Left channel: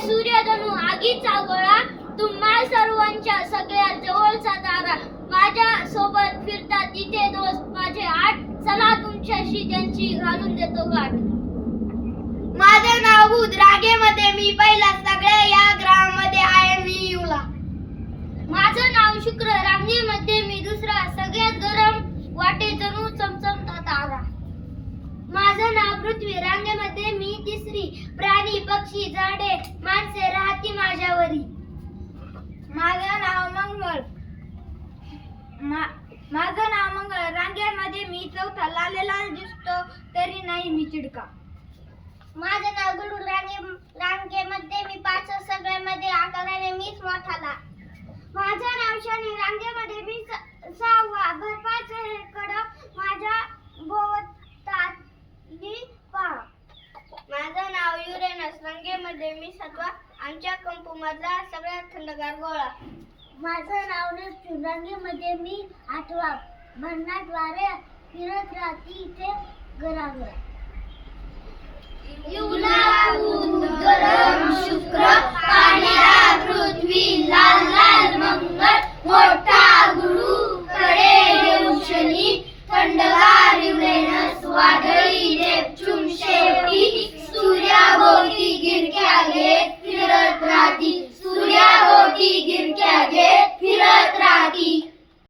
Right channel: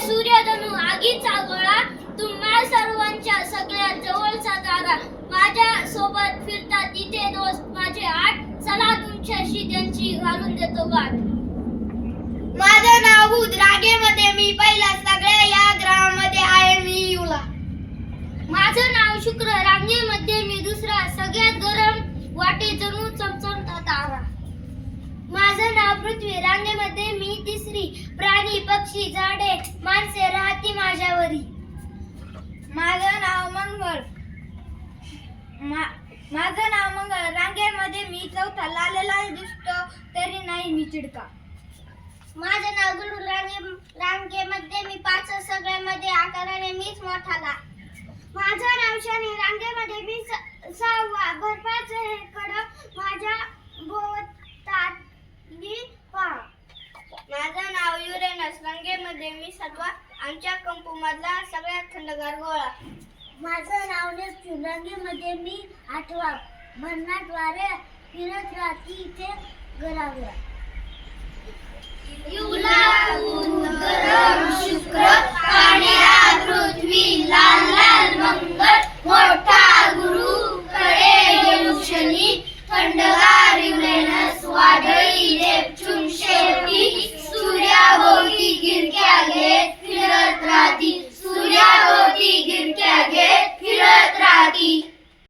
खुशीचा गोळा तुम्हा सर्वांच्या सगळ्यात जवळचा तारा माझ्या सोबत फिरतात तिथे दोस्त माझे आठ. चला तुमच्याशी त्यांची घालून देतो गाठ. माझं नाव रागेमध्ये मी पहिला सगळ्या या ग्रामामध्ये आहे मी युला. माझं नाव शुक्र. रांगेमध्ये मी दुसरा. सगळ्यात गरम वाटे जणू चमचमता तारा. माझं नाव पृथ्वी. रांगेमध्ये मी तिसरी. प्राणी पक्षी झाडे मंगळ मा- माझं नाव मंगळ. रांगेमध्ये मी चौथा लालेला दिसतो तरी नाही मी चिडका. माझं नाव गुरु रांगे रांगेमध्ये मी पाच सगळ्यामध्ये आकाराने मीच मोठाला. माझं नाव शनी रांगेमध्ये मी सहावा. बर्फाचं हे कडक माझ्या भोवताली पहा माझं नाव युरेनस. रांगेमध्ये मी सातवा. आमच्या कंपू मधला सगळ्यात थंडगार गोळा. माझं नाव नेपच्यून रांगेमध्ये मी आठवा. भन्नाट फिरत राहते इथे घराघरा